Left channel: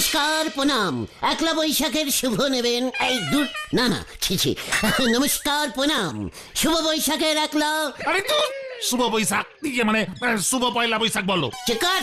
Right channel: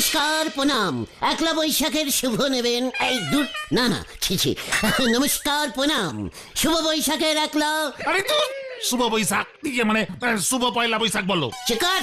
নমস্কার প্রণাম। একলা বৈশাখের শুভ নেবেন এই দূর না না ছি নমস্কার প্রণাম, শুভ বৈশাখের একলা। আরে তো শুভ বৈশাখ দিকে মানে শুভ পয়লা বৈশাখ বলো। চিকার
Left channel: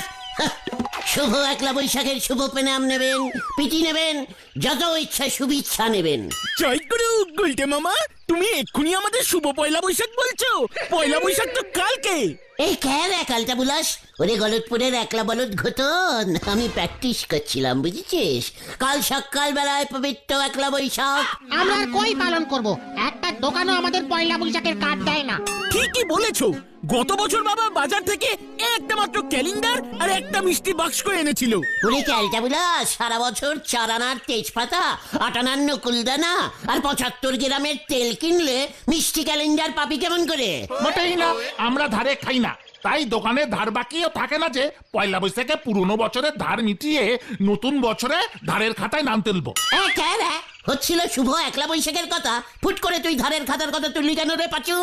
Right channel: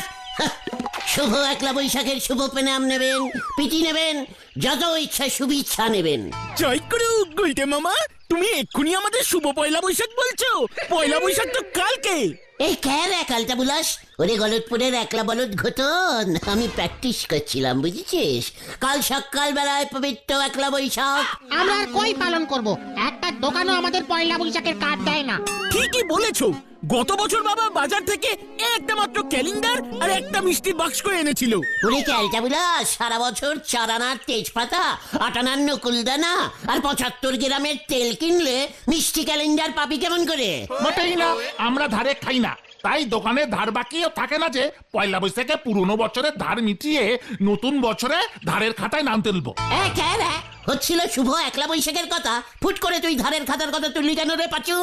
শুভ একলা বৈশাখের শুভ প্রণাম নেবেন, পিটি নেবেন, যত ইচ্ছা শুভেচ্ছা নেবেন। জয় করো গুলটে মামা, তুমি এক্ষুনি আমাদের শুভ পয়লা বৈশাখ বলছো? পয়লা বৈশাখ তো কালকে। এই ক্যার একালটা বুলাস, ওরে গলতপুরের একলা বলদ ঘটন, আমি প্র্যাকটিস করছিলাম বুঝেছিস। কাল সকাল বেলায় পবিত্র একলা বৈশাখ। আমরা কই পালন করব? একটা দোকানও আমাদের পয়লা বৈশাখের কার্ড দেয় না। ঠিকই বলেছো, গত বছর বাবা বাজার থেকে একটা মাত্র ক্যালেন্ডার আর একটা মিষ্টি বাক্স করে এনেছিল। ওরে ক্যালটা বুলাস, সারা বছর 4 আনার তেজপাতা, 8 আনার নকুলদানা আর 75 গ্রামের তেল কিনলে মিষ্টি ক্যালেন্ডার পাবি কেমন করে? মোটেই না, আমরা ধারে খাই না, তাই দোকানে ধার বাকিও থাকে না যে পয়লা বৈশাখে পুরনো বছরের ধার মিটিয়ে নতুন বছরে ধারের খাতায় নাম তুলবো। কেন হচ্ছিল শুভ একলা বৈশাখের কথা, ফুট করে তুই ধারের খাতার কথা তুললি কেন রে পাচু?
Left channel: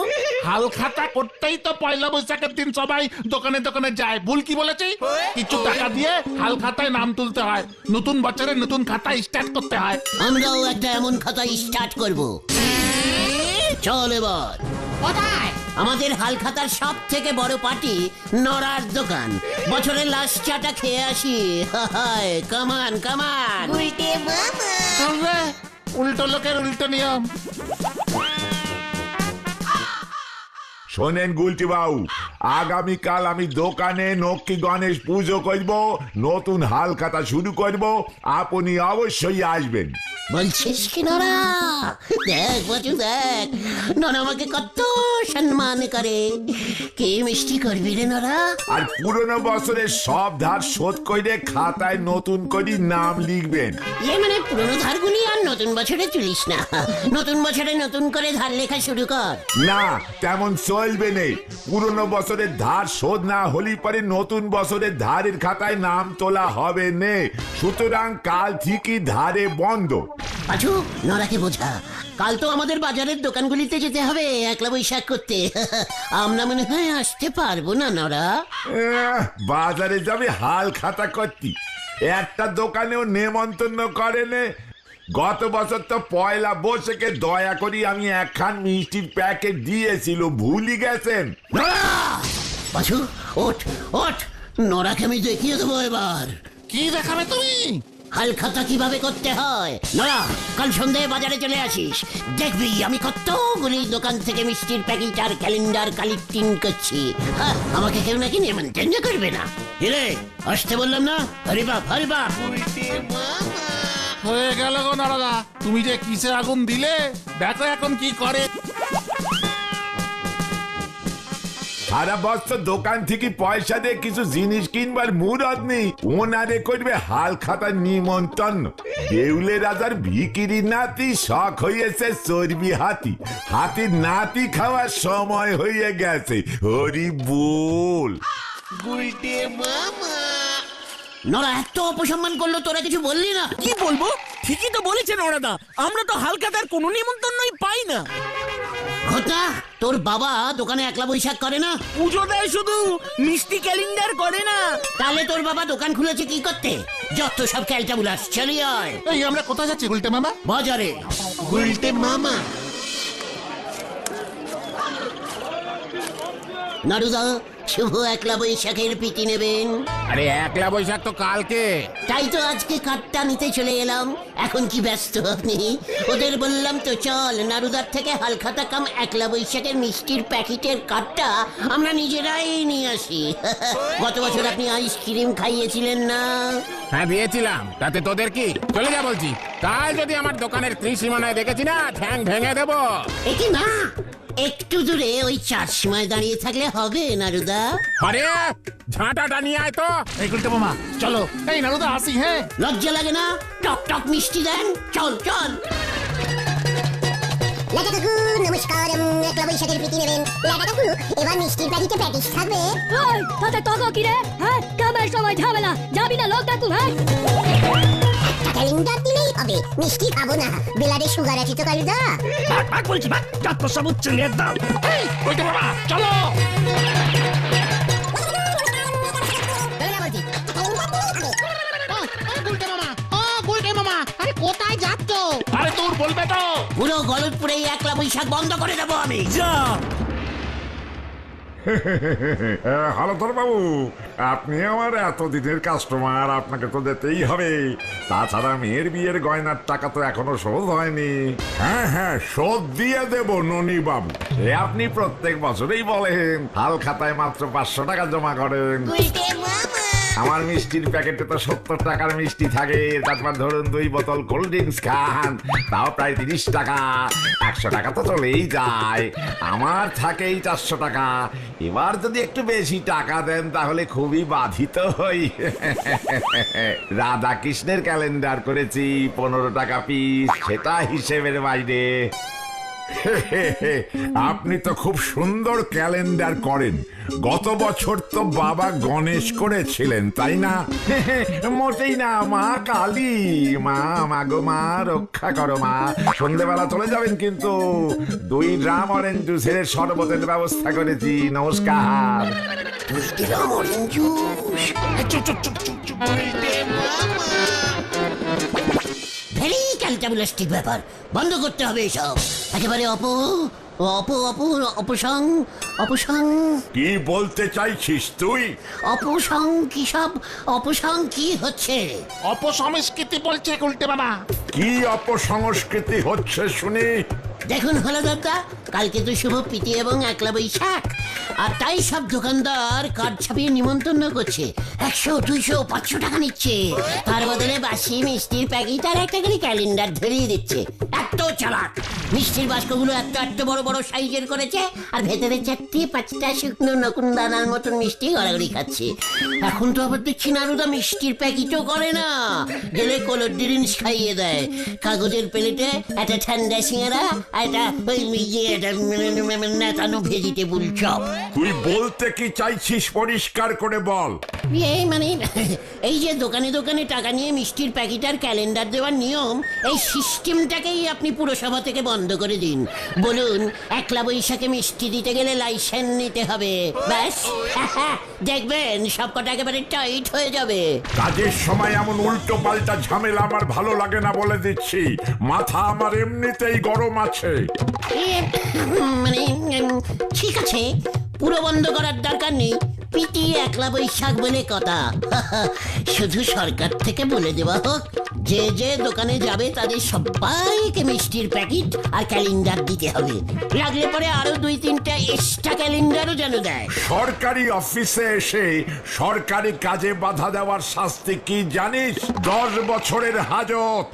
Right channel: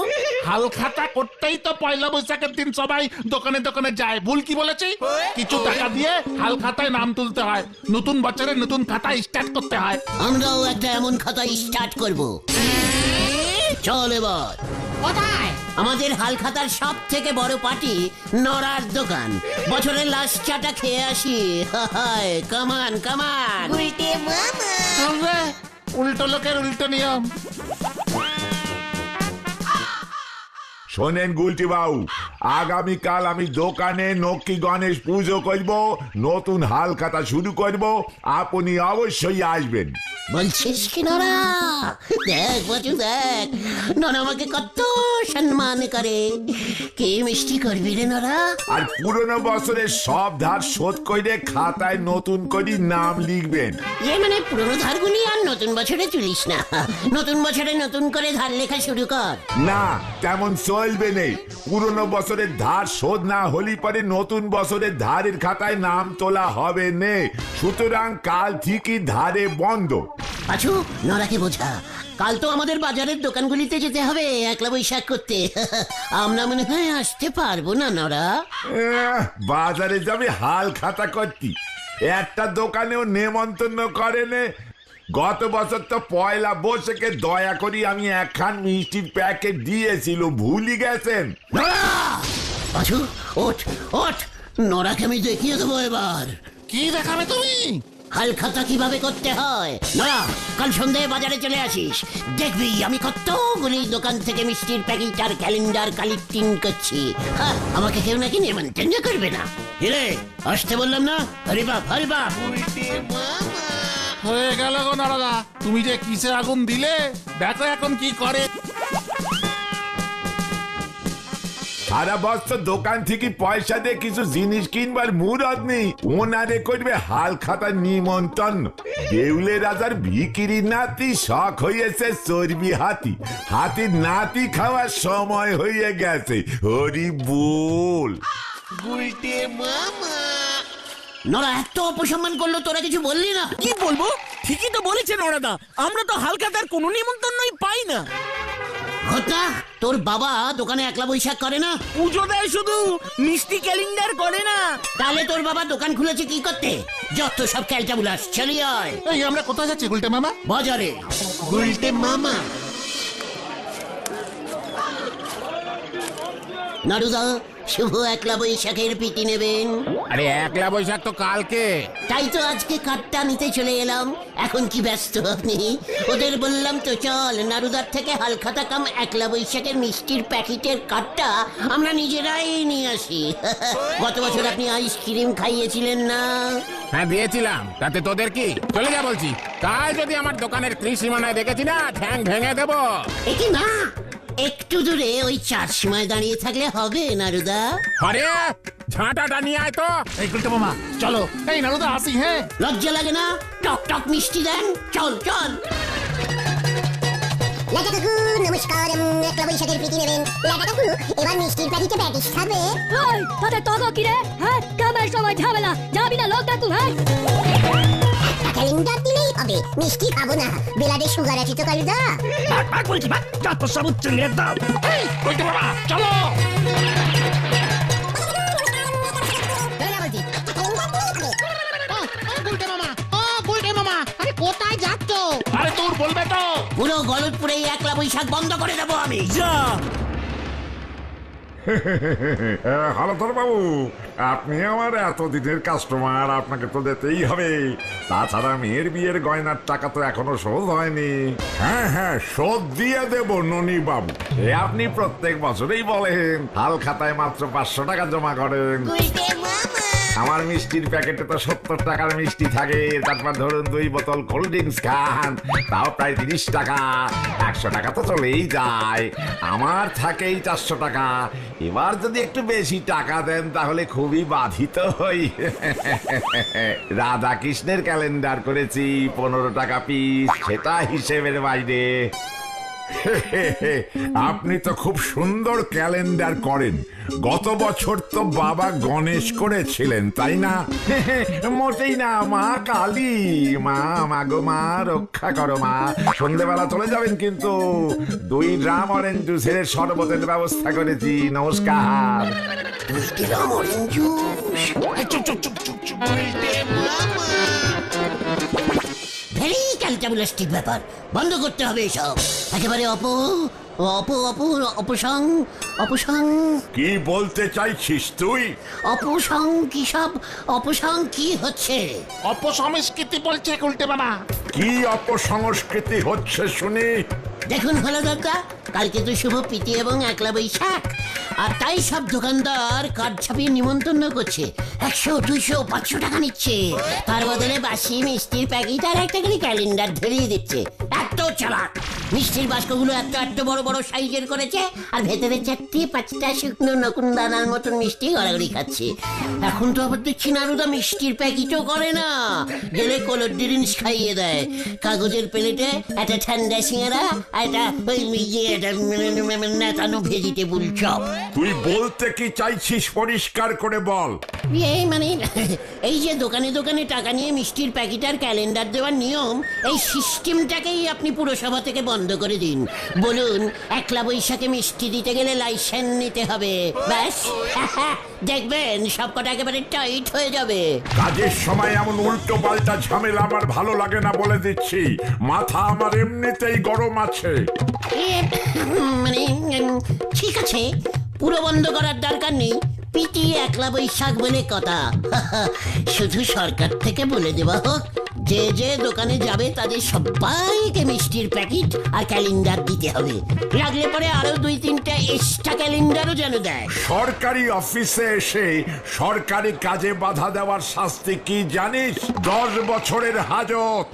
হাল খাতা করতেই তো পয়লা বৈশাখের দিন সবাই দোকানে দোকানে যায়। ভুল কি বলেছি? কিছু টাকা দিয়ে হাল খাতায় নাম তুলতে হয়, নতুন বছরে নতুন খাতা স্টার্ট করতে হয়। আমরাও একটা এমন খাতা স্টার্ট করব। চল এবার কোথায়? আমাদের হাল খাতার সব থেকে বড় পার্টি নড়ার দোকান। বছরের লাস্ট চাটা খেয়ে আসি। কামান কামান চলবে, উল্টো লোকের উল্টো নিয়ম। শোনেন গুলটি বাবু, আগামীকাল আমি দোকানে লক্ষ্মী গণেশ পুজো করব, নতুন হাল খাতা শুরু করব, আপনি অবশ্যই আসবেন। বলছিস কি নরা? দেখ বাজু দেখ, নরা আমাকে কত সম্মান করে। কি মিষ্টি করবি রে নরা? আর পুরনো বছরের সব ধার শোধ করে খাতায় নতুন করে নাম লিখবেন। মানে পুরোনো ধারগুলি আর নতুন বছরে তুলিস না, নতুন বছরে নতুন করে ধার লেখা শুরু কর। না, তেমন চলবে নেই। পুরনো বছরের ধার শোধ না হলে পরে নতুন বছরের ধারের খাতায় নাম তোলা হবে না। সুতরাং কাল থেকে ধারে বন্ধ। আচ্ছা নরাকে বোঝা, কাল তো আমাদের বাজারের দোকানগুলিতে যেতে হবে একলা বৈশাখ করতে। আমরা মনে হয় আসতে পারবো না নরা। বাজারে যাবে হাল খাতা করতে, একটা দোকানেও নেমন্তন্ন করে নে। গত বছর তো পয়লা বৈশাখে দয়া করি আমি একখান মিষ্টির প্যাকেট দিয়েছিল, ভুলে গেছেন? আচ্ছা ওঠ ওঠ, নরাকে আমি দেখিয়ে দেবো এবার। কি দেখাবে তুমি? হাল খাতা কিভাবে করতে হয়। না, কাল সন্ধ্যায় বাজারে চলে আসিস, দেখবি আমি কতগুলি দোকান থেকে মিষ্টির প্যাকেট আর ক্যালেন্ডার কালেক্টিং করছি। আমাকে কেউ নাকি নিমন্ত্রণ করবে না। এলে আসতে বললাম না? হরি বাপ হরি বাপ। হয়ে গেল গো নারদা, তুমি যে কিসে আগুন দিলে, দেখো এখন কি করে। সারা বছর দোকান থেকে পয়সা দিয়ে কিছু জিনিস কিনবার মুরত নেই, ওনারে করবে হাল খাতার নিমন্ত্রণ। দেউলে রাজার ভিকিরি নাতি শখ হয়েছে চর্বি হাতি, হাতির নাতি খাওয়ার সময় হয়ে গেছে। হরি বল। নরা এত অপসম্মান করলো, তোরা কিছু বললি না? কি বলবো, ঠিকই তো বলেছেন ওনাদা, আমরা তো হাল খাতার কোনো নিমন্ত্রণই পাই না। ঘটা, তোর বাবা দোকানে একলা বৈশাখ করে না? পুজো দেয় শুধু, মিষ্টি ক্যালেন্ডার করে না। তাহলে তোর বাবা দোকান খুলেছে কি করতে? যত সব ক্যালটা বুলাস, চলে আয়। এই আমরা কোথায় যাচ্ছি গুলটে মামা? বাজারে। গুলটে মামা নারুদা, শুভ একলা বৈশাখের পিটি নেবেন? আরে একলা বৈশাখ তো কালকে। তাই তো আজকে কার্ডটা নিতে চলে এলাম। এখন কি ব্যস্ত আপনি? ওদের বললাম তো চল, নারুদার থেকে হালখাতা কাম একলা বৈশাখের মিষ্টির প্যাকেটের কার্ডটা আমরা নিজেরাই নিয়ে আসি। গত বছর আপনি আইসক্রিম খাইয়েছিলেন না? হ্যাঁ দিয়েছিলাম, তাতে তোদের কি? চলে যা বলছি, তাই যদি আমার দোকানের কৃষি মনে দেখেছি না, ঠ্যাং ভেঙে দেবো। একি না, একটু দূরে ওই 4 সময় দাঁড়িয়ে থাকলে হবে নারুদা? আরে ঝাঁটাটা নিয়ে আয় তো। এই গুলটে মামা চলো। এই নারদা আসি। হ্যাঁ, লজ্জা লাগে না? টক টক মিষ্টি দেন, চল চল। নমস্কার, একলা বৈশাখের প্রীতি নেবেন। এবার মিষ্টির প্যাকেটে প্যাটিস থাকবে। তোদের তগো কি রে? হ্যাঁ, কামের সময় ঝামেলা, যাবি না লোক ডাকুন। ক্যালেন্ডার দিলেই হবে, মিষ্টি খাবো না। বেলাতে সুগার আছে তো কালিদা? বলছি যত সব ছেড়ে দাও। চলো। গুলটে মামা বৈশাখ বন্ধ করে দেবো আমি। যা। হ্যালো তোর বাবু, আপনি আমার এতদিনের কাস্টমার, আপনাকে তো দিতেই হবে। তাছাড়া মেয়ের বিয়ের গয়নার টাকা তো এখনো শোধ হয়নি। হ্যাঁ হ্যাঁ, শোধ দিয়ে দেব ননি বাবু। আপনি প্রত্যেক বছরেই বলেন হাল খাতায় মাত্র 500 টাকা জমা করেন। আমার মিষ্টির প্যাকেটে তো 70 টাকার মিষ্টি থাকে, তারপর ধরুন 2 বোতল কোল্ড ড্রিঙ্কস খান, তাও প্রায় 30 টাকা। 100 টাকা তো চলেই যায়, আমার থাকেই 400 টাকা। এবার যদি একটু বেশি টাকা দেন তাহলে খুবই বাধিত হই। রাধা কৃষ্ণের ক্যালেন্ডার করেছি 15 টাকা পিস, সেটা হিসেবের বাইরে। আপনি তো খুব সুন্দর ক্যালেন্ডার করেন। গত বছর তো বাবা গণেশ করেছিলেন, তাই না? মোটেই না, মা কালী। মা মাগো মা, রক্ষা করো মা। সন্ধ্যেবেলা চলে যাবেন কিন্তু। 2 ড্রাম অরেঞ্জ জুসের শরবতের ব্যবস্থা করেছি। নমস্কার। ব্যাপার বন্ধ করতে হবে এসব একেবারে। অপসং কি বলতে চাইছিস তুই? অপসং কি সব? অপসং কি হচ্ছে? অপসংস্কৃতি বলছে উল্টে বানা। কি অপসংস্কৃতি হচ্ছে শুনি? দেখুন হলো দরকার, কালকে তো শুভ প্রীতি এবং 1লা বৈশাখ, আর তাই সব দোকানদার কার্ড ছাপিয়ে নিমন্ত্রণ করছে। 100, 200, 500 টাকা নিচ্ছে। তার বদলে বাসি মিষ্টির প্যাকেট আর একটা করে ক্যালেন্ডার ধরিয়ে দিচ্ছে। এত চালাক! মিষ্টির বাস্কগুলো এত বড় বড় সাইজের করেছে, আর ভেতরে 4-5টা শুকনো নকুন দানার মতন মিষ্টি গড়াগড়ি খাচ্ছে। এখন তো আবার দেখছি নারুদা মিষ্টির প্যাকেটও করে না, গেলে কোল্ড ড্রিঙ্কস খাইয়ে দেয়। কাগজের প্লেটে একটা ঠান্ডা সিঙ্গারা আর একটা নেতানো ভেজিটেবল চপ। তুই বলতে কি চাইছিস পরিষ্কার করে বল। এই মানে এই যে দোকানে দোকানে টাকা নিয়ে মিষ্টির প্যাকেট আর ক্যালেন্ডার দেওয়ার নিয়ম, এই সিস্টেমটাকেই আপনি পুরসভা থেকে বন্ধ করে দিন। বলুন 1লা বৈশাখে মিষ্টি দিতে গেলে লাইসেন্স নিতে হবে, ব্যাস। দেখবেন সবকটা একেবারে টাইট হয়ে যাবে। কাজের সময় এমন উল্টো পাল্টা ঝামেলা আমার ভালো লাগে না, বলে দিচ্ছি। মাথা আমার এমনিতেই গরম আছে। মানে ঠিক আছে, পুরো বন্ধ করার দরকার নেই। পিটি 1লা বৈশাখ বলে কথা। শুধু সরকার থেকে বলে দেওয়া হোক, যে যে দোকানে যাবে তাদের সবাইকে মিষ্টির প্যাকেট আর ক্যালেন্ডার দিতে হবে। লাগলে পরে আরো 2-3টা এক্সট্রা ক্যালেন্ডারও যেন দেয়। সরকারি অফিসে এসে সরকারি কাজে বাধা দেওয়ার শাস্তি কি জানিস? 10 বছরের হাজত।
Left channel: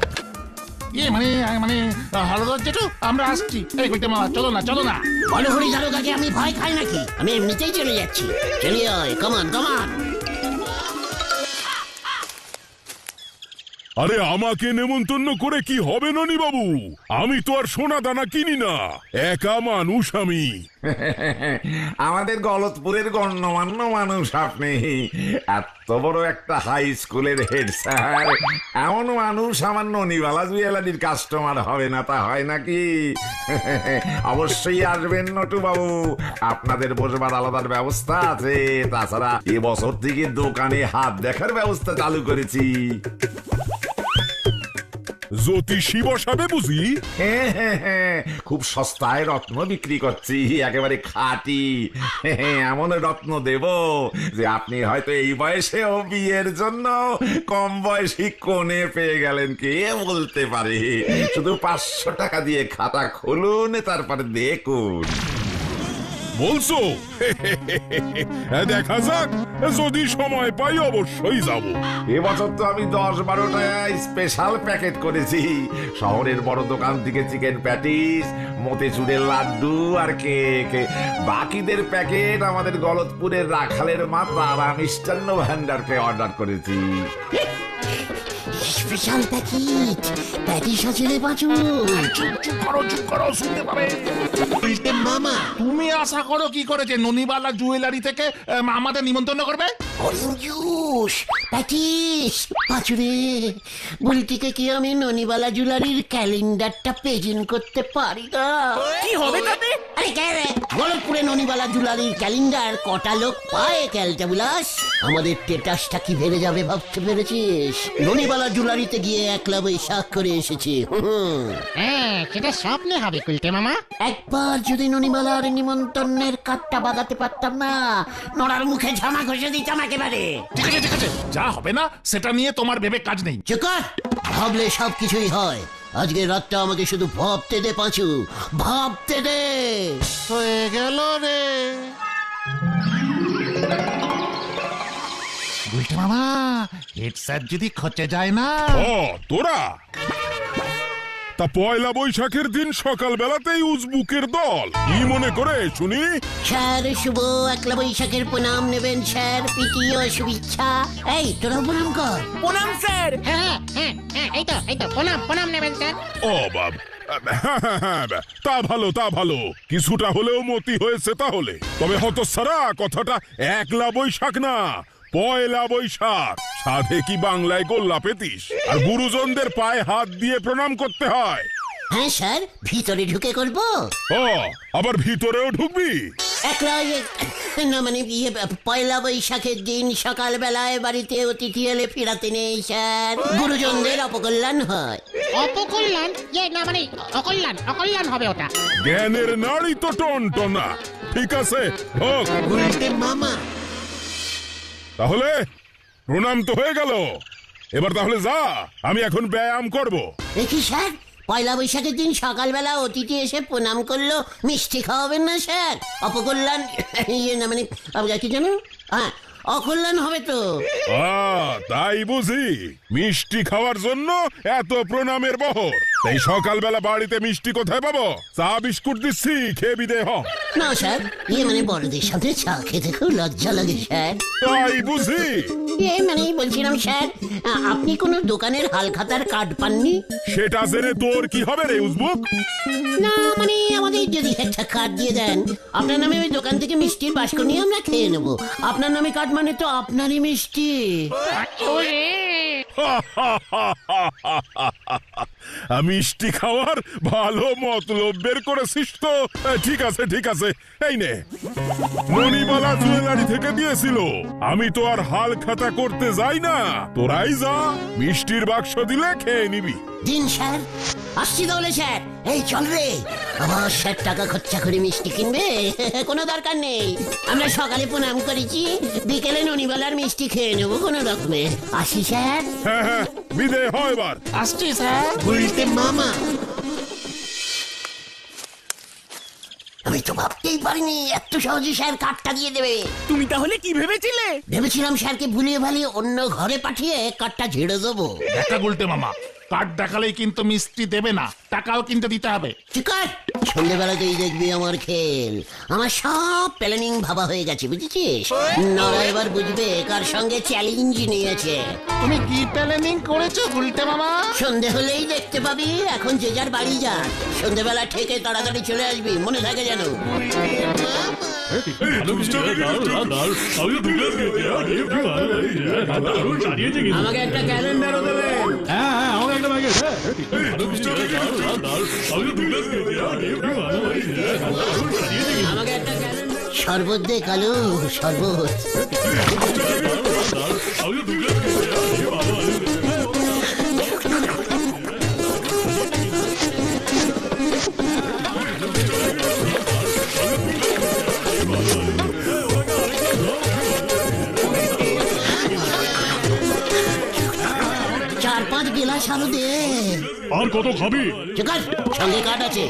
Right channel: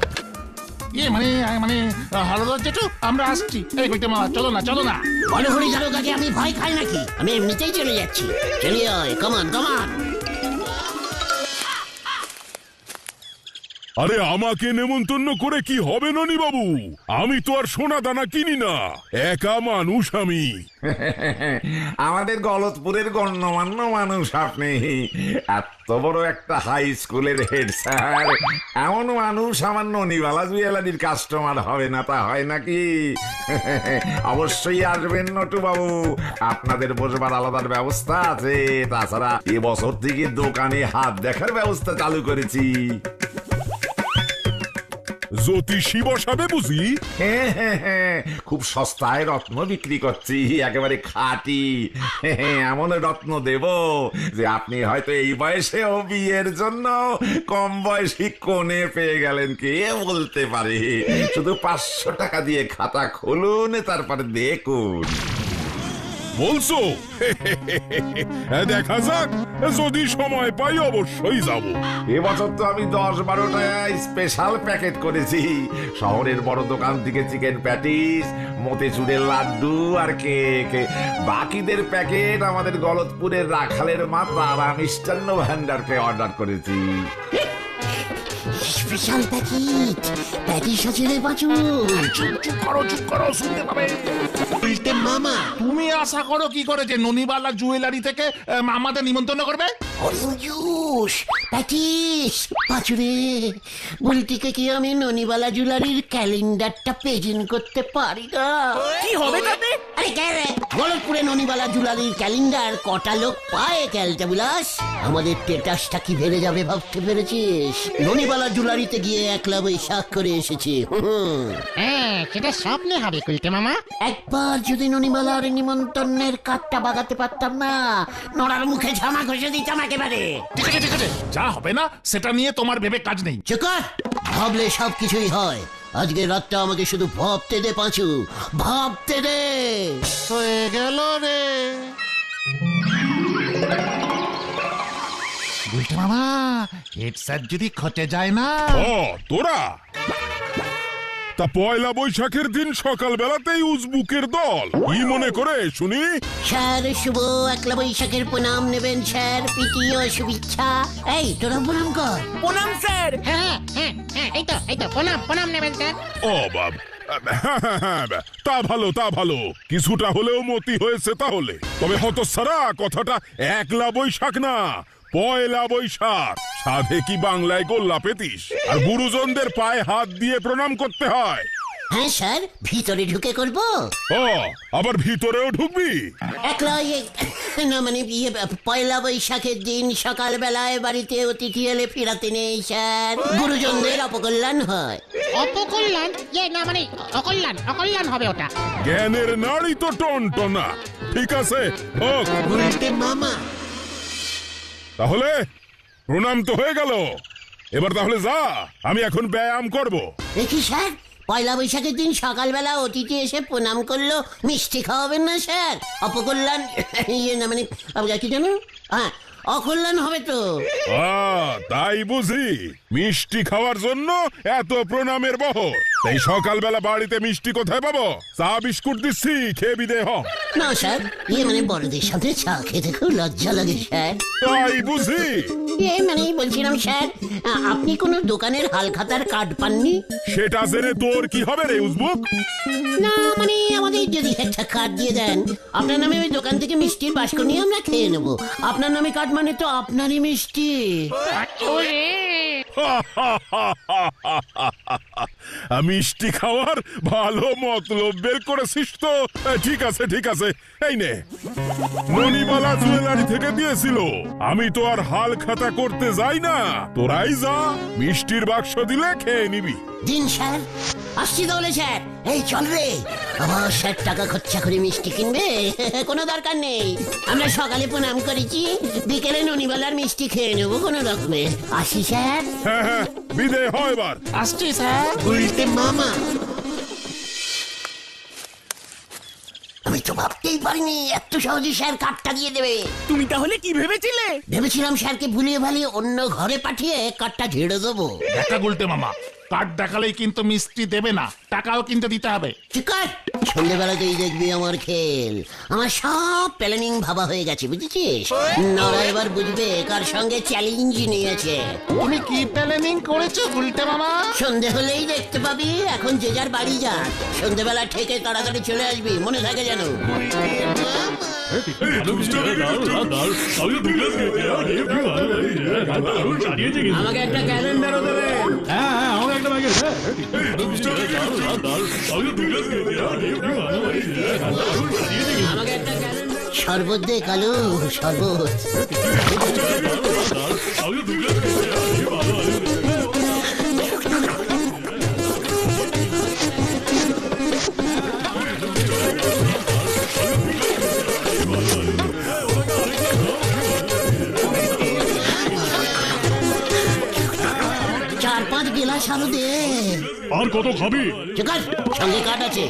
আমরা আসছি। এই কইতে মা, চলো না। বলো হরি যাবো কাজে, আমি ভয় খাই নাকি? আমি এমনিতেই চলে যাচ্ছি। চলে আয়, কমান। আরে আমাকে নেমন্তন্ন করে কি হবে ননি বাবু? আমি তো আর সোনা দানা কিনি না, একা মানুষ আমি। আমাদের গলতপুরের গণ্যমান্য মানুষ আপনি। এত বড় একটা হাই স্কুলের হেড স্যার, এমন মানুষ আমার ননিবালা জুয়েলারির কাস্টমার হবে না, তা হয় নাকি? অবশ্যই আসবেন নটু বাবু, আপনাদের বসবার আলাদার ব্যবস্থা আছে। তাছাড়া এবছর থেকে দোকানে হাত দেখার ব্যবস্থা চালু করেছি। জ্যোতিষী বসাবে বুঝি? হ্যাঁ, খুব সস্তায় রত্ন বিক্রি করছি, একেবারে খাঁটি। এমন রত্ন দেব যে আপনি হয়তো এই বয়সেও বিয়ের জন্য কম বয়সী কোণে পেয়ে গেলেন। কে বলতে পারে? শুধু 500 টাকা দিয়ে খাতা খুলুন, তারপরে দেখুন। বলছো? দেখা যাক, যদি সময় পাই অবশ্যই যাব। এবছর তো আমি 10-12টা স্পেশাল প্যাকেট করেছি। শহরের বড় দোকান থেকে চিকেন প্যাটিস, মতিচুরের লাড্ডু আর কেক। বাকিদের প্যাকেট আমাদের গলতপুরের রাখালের মা তারা মিষ্টান্ন ভান্ডারকে অর্ডার করেছি। স্পেশাল প্যাকেট আছে রে বাজু। চুপ করো, শুনতে পাবে। তুমি আশা করো কি করে যে ননিবালা জুয়েলারি থেকে আমাদের নিমন্ত্রণ করবে? বুলটিকে কি আমি ননিবালা জুয়েলারির ক্যালেন্ডারটা প্রেজেন্ট করতে পারি না? কি হবে তাতে? হলপুরে ননিবালা জুয়েলারির ক্যালেন্ডার কটা লোক পায়? ক্যালটা বুলাস আমাদের টেটাসটা কি বেড়ে যাবে ভাবতে পেরেছিস? ননিবালা সন্ধেবেলা জুলারিতে গিয়ে একলা বৈশাখ করে এসেছি। হ্যাঁ সেটা স্বপ্নে হবে গুলটে মামা। একবার যদি ননিমালার নিমন্ত্রণের কাঠটা বাগাতে পারতাম না, নড়ার মুখে ঝামা ঘষে দিতাম একেবারে। ঠিক আছে ঠিক আছে, যা হবে না সেটা নিয়ে তোমার ভেবে কাজ নেই। চুকার, ভাবলে সব কিছুই হয়। আজকে রাতটা আমাকে শুধু ভাবতে দে পাঁচু, ভাবতে দে। হয়ে গেল রে গুলটে মামা, হেড স্যার দিদি খটে যায় না। তোরা তা পয়লা বৈশাখের দিন সকাল বেলাতেই উজবুকের দল কি মনে করে শুনি? স্যার শুভ একলা বৈশাখের প্রণাম নেবেন স্যার, প্রীতি ও শুভেচ্ছা। এই তোর প্রণাম কর। প্রণাম স্যার। হ্যাঁ হ্যাঁ হ্যাঁ, এই তো প্রণাম নেবেন স্যার। ও বাব, তা ভালো তা ভালো, কিছুটা হলেও মতি হয়েছে তাহলে। তবে হতো সারা কথাটা একলা বৈশাখ না, পয়লা বৈশাখ। সাধে কি বাংলায় গোল্লা পেতিস? আর গুরুজনদের পায়ে হাত দিয়ে প্রণাম করতে হয়। হ্যাঁ স্যার, ভিতরে ঢুকে করবো। ও আবার ভিতরেও ঢুকবি? একলা না মানে পয়লা বৈশাখের দিন সকালবেলায় বাড়িতে অতিথি এলে ফেরাতে নেই স্যার, গুরুজনদের অপকল্যাণ হয়। অপকল্যাণ না মানে অকল্যাণ হবে ওটা। জ্ঞানের নাড়ি তো টনটনা। ঠিক আছে মামা, তাহলে প্রণাম তো হয়ে গেল, এবার তাহলে যা, আমি এখন ব্যায়াম করব। দেখি স্যার, পয়লা বৈশাখের দিন সকালবেলা অতিথি এসে প্রণাম করলো, মিষ্টি খাওয়াবেন না স্যার? অপকল্যাণ না মানে কি জানো, হ্যাঁ অকল্যাণ হবে তো। তাই বুঝি মিষ্টি খাওয়ার জন্য এত প্রণামের বহর। তাই সকালবেলা বাড়িতে মিষ্টি কোথায় পাবো? চা বিস্কুট দিচ্ছি, খেয়ে বিদে হ। না স্যার, মানে বড়দের সাথে চা খেতে খুব লজ্জা লাগে স্যার। তাই বুঝি মানে বলছিলাম স্যার, আপনি কোনো দোকানের হালখাতার কার্ড পাননি? সেটা জেনে তোর কি হবে রে উজবুক? না মানে আমাদের যদি একটা কার্ড দিয়ে দেন, আপনার নামে ওই দোকান থেকে মিষ্টির বাস্ক নিয়ে আমরা খেয়ে নেবো। আপনার নামে কার্ড মানে তো আপনারই মিষ্টি। মিষ্টি খাওয়ার ভালো মতলব বের করেছিস তো। ঠিক আছে ঠিক আছে, এই নে, মণিমালা জুয়েলারি থেকে দিয়েছিল। আমি তো আর হাল খাতা করতে যাই না, তোরাই যা, মিষ্টির বাক্স দিলে খেয়ে নিবি। দিন স্যার, আসছি তাহলে স্যার। এই চল রে, আবার 60 টাকা খরচা করে মিষ্টি কিনবে? কোনো দরকার নেই, আমরা সকালে প্রণাম করেছি, বিকেলে ননিমালার মিষ্টি খেয়ে নেবো কোনো রকমে। আসি স্যার। হ্যাঁ হ্যাঁ, বিদে হয় এবার। আসছি স্যার। উল্টে মামা, আমি তো ভাবতেই পারিনি এত সহজে স্যার কার্ডটা দিয়ে দেবে। তুমি তাহলে কি ভেবেছিলে? ভেবেছিলাম স্যারকে ভুলিয়ে ভালিয়ে অন্য ঘরে পাঠিয়ে কার্ডটা ঝেড়ে দেবো। একটা গুলটে মামা, কার্ড দেখালেই কিন্তু মিষ্টি দেবে না, টাকাও কিন্তু দিতে হবে। চিকার, সন্ধ্যেবেলাতেই দেখবি আমার খেল। আমার সব প্ল্যানিং ভাবা হয়ে গেছে, বুঝেছিস? নরা এবার বুঝবে কার সঙ্গে চ্যালেঞ্জ নিয়েছে। তুমি কি প্ল্যানিং করেছো গুলটে মামা? সন্ধে হলেই দেখতে পাবি। এখন যে যার বাড়ি যা, সন্ধ্যেবেলা ঠেকে তাড়াতাড়ি চলে আসবি, মনে থাকে যেন। আমাকে একটা ক্যালেন্ডার দেবে। শরবত দে কালু, শরবত। চার পাঁচ গেলাস আরো দে। আর কত খাবি? চিকার, সঙ্গে কাঠ আছে।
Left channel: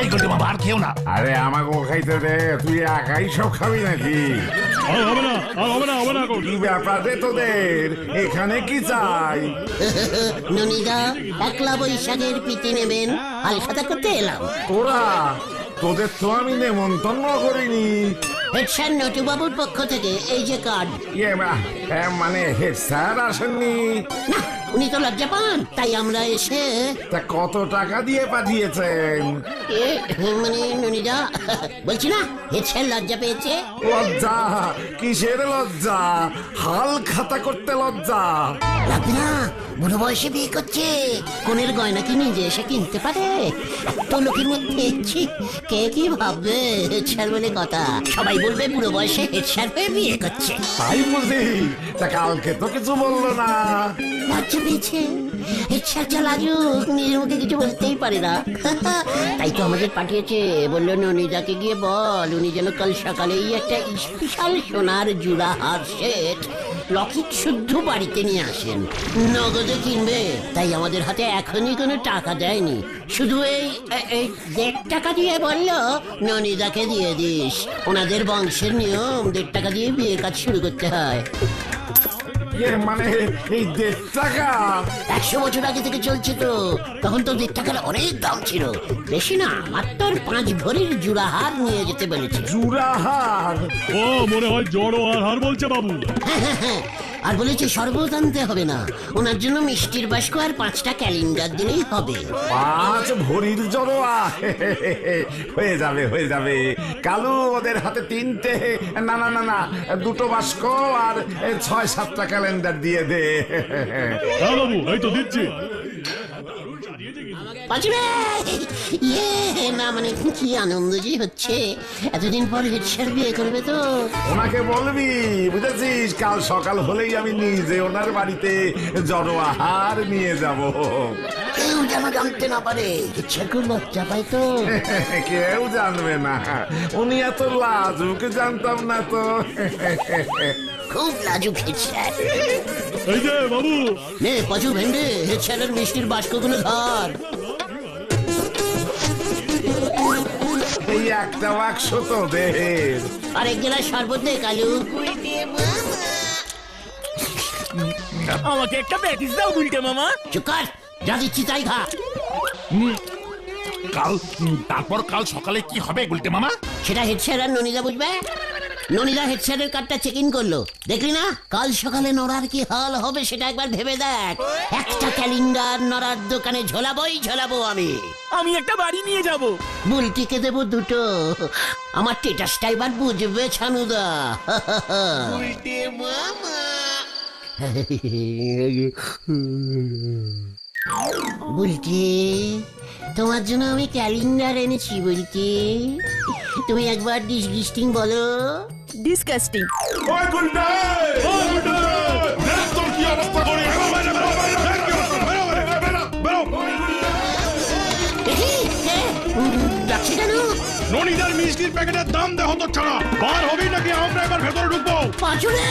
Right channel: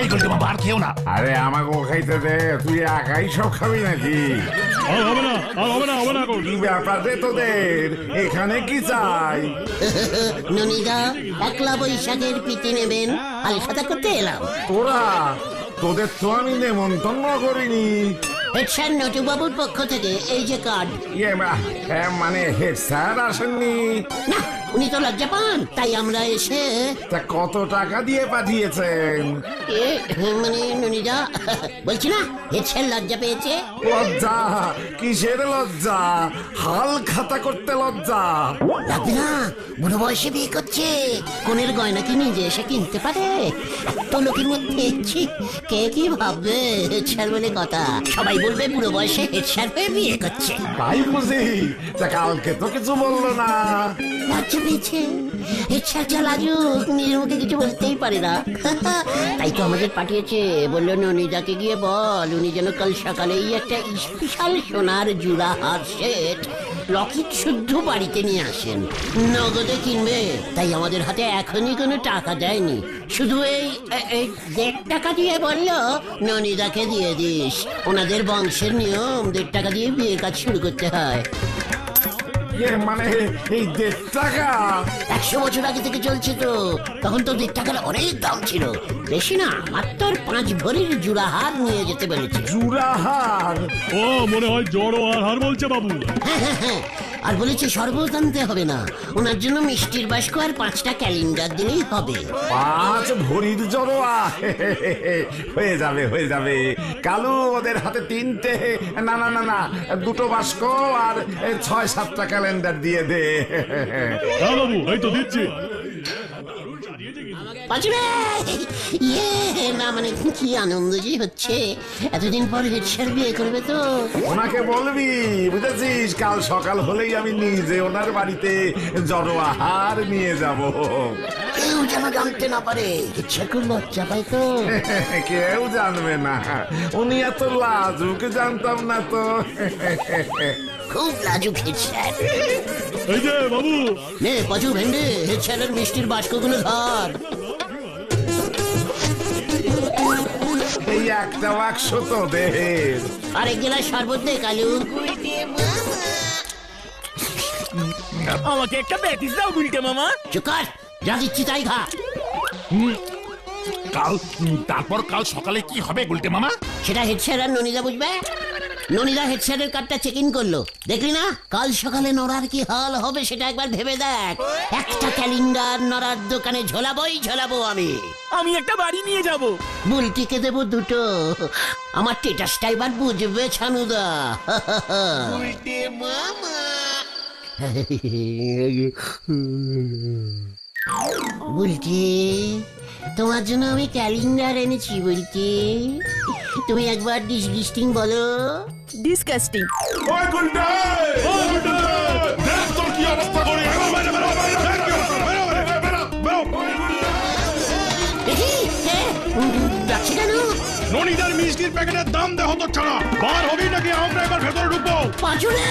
এই গুলটে মামা, আর খেও না। আরে আমাকে খাইতে দে, তুই একাই সব খাবি নাকি? কি ব্যাপার রে তোদের? এখানে কি চাই? ননিদা, একলা বৈশাখের প্রীতি নেবেন, হালখাতা করতে এলাম। তোরা, তোদের তো আমি নেমন্তন্ন করিনি। হেডস্যার নটুবাবুর পক্ষ থেকে এই যে কার্ড। মানে স্যার আসেননি? না, উনি তো লজ্জা পান, তাই আমরা এসে তা কত টাকা দিয়ে পাঠিয়েছেন? এ, মানে ননিদা বলছি না হেডস্যার লজ্জা পেয়েছে। লজ্জা? কিসের লজ্জা? হাল খাতা করতে লজ্জা? না বুড়ো বয়সে বিয়ে করছে, কোনের গয়না কি নিজে এসে কিনতে পারে? এত লোকের মধ্যে ছি, কে কি ভাববে? হেডস্যার বলে কথা, সবাই বলবে বুড়ো বয়সে হেডস্যার হয়ে বিয়ে করছে। তাই বলি? তা কালকে তো কিছু বললো না। লজ্জা পেয়েছে, হেডস্যার যা লাগে মেয়ের ওকে কিছু বলতেই পারে না। তাই তো আমাদের পাঠিয়েছে, বললো ননিদাকে গিয়ে বল উনি যেন কাল সকালেই একটা স্পেশাল সোনার জুড়া হার সেট লক্ষিত শুদ্ধ বাড়িতে নিয়ে আসেন। নগদে কিনবে, তাই আমাদের হাতে এখনই কোনো টাকা দেয়নি, শুধু এই 1.5 টাকা দিয়ে বললো ননিদাকে দিয়ে দিস। ওনাদের বংশের নিয়ম 1.5 টাকা দিয়ে বিয়ে কাজ শুরু করতে হয়। এর মানে এই 1.5 টাকা? 100 বছর আগে থেকে চলছে তো, তখন তো 1.5 টাকার অনেক দাম ছিল। বেশি না, মাত্র 5 ভরির জুড়া হার নিয়ে যেতে বলেছে। চূড়াহার? ও মনে হয় জড়ো আধার বলছে বাবু। আর বলেছে শরবত আনতে হবে না, ওনার জন্য মিষ্টির বাস্ক আর 5টা ক্যালেন্ডার দিলেই হবে। 5 ভরির জড়োয়া? হয়ে যাবে হয়ে যাবে। কালু ওদের হাতে 3টে, না না না না 2টো বাস্ক আর 6-7টা ক্যালেন্ডার দিয়ে দে। হ্যাঁ বাবু, এই তো দিচ্ছি। বাঁচবে! না মানে কি আনন্দ যে হচ্ছে, এতদিন পর হেডস্যার বিয়ে করবে তো। ওনাকে বলবি বুঝেছিস, কাল সকাল হলেই আমি নিজে ওনার বাড়িতে জড়োয়া হার নিয়ে যাব। কেউ যেন জানতে না পারে, ইচ্ছা করে লজ্জা পাই তো। কেউ জানবে না, উনি এত লাজুক জানতাম না তো। খুব লাজুক হেডস্যার। এই যে বাবু, হ্যাঁ পাঁচু ভেন্ডে, হেডস্যারের মিষ্টির বাস্কগুলো ধর। এই একটা বাক্স তো দে। আরেক জেলার শরবত নেই কালু। আমাকে একটা প্যাটিস দাও দুইটা মামা। চুকার, যা দিচ্ছি তাই খা। তারপর কাল সকালে কি হবে বলতে মামা? সেটা হেডস্যার আর ননিদা বুঝবে। ননিদা হেডস্যারের কাপটা চেকিং করলো, দেখলি না? কাল সকালে নড়ার কি হাল হবে সেটা একবার ভেবে দেখ। একটা ক্যালেন্ডার নড়ার দোকানে ঝোলাবো আমি। আমি একটা বাড়ি নিয়ে যাব। বুলটিকে দেবো 2টো। আমার টেটাসটা এবার বুঝবে ছানুদা। বুলটি, তোমার জন্য আমি ক্যালেন্ডার এনেছি বুলটি। তুমি একবার ডিসগিস্টিং বলো। ডিসকাস্টিং। ওই গুন্ডা, ওই গুন্ডা! তোর কি অবস্থা করে? যাচ্ছি কেন? ননিদার মিষ্টির প্যাকেটের দাম দেখো তো ছাড়া। বার হবি নাকি আমরা এবার ভেতর ঢুকবো? পাঁচুরে!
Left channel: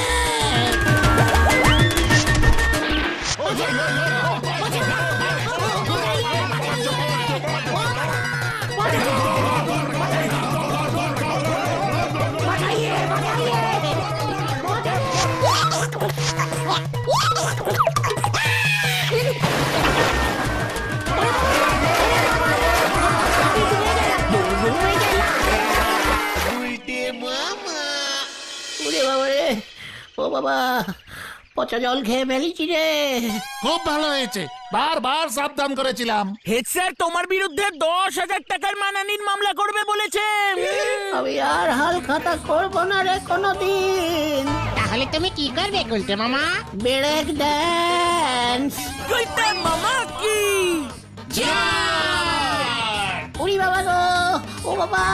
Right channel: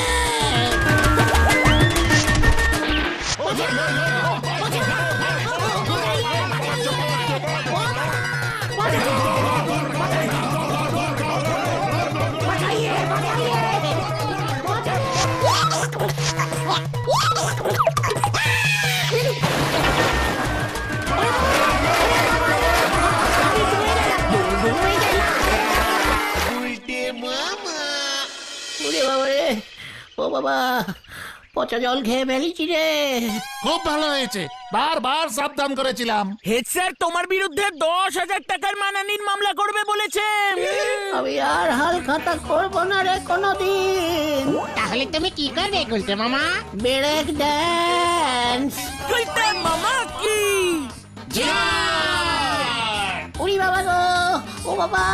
ও বাবা, পচা জল খেয়ে ফেলেছি রে। খুব ভালো হয়েছে, বারবার সাবধান করেছিলাম। হেড স্যার তোমার বিরুদ্ধে 10,000 টাকার মানহানির মামলা করবে বলেছেন। আমি আর হাল খাতা করবো না রে কোনোদিন। তাহলে তুমি কি করবে গুলতে মামা? Break dance. কইতে মামা কি? উড়ি বাবা গো, ও বাবা।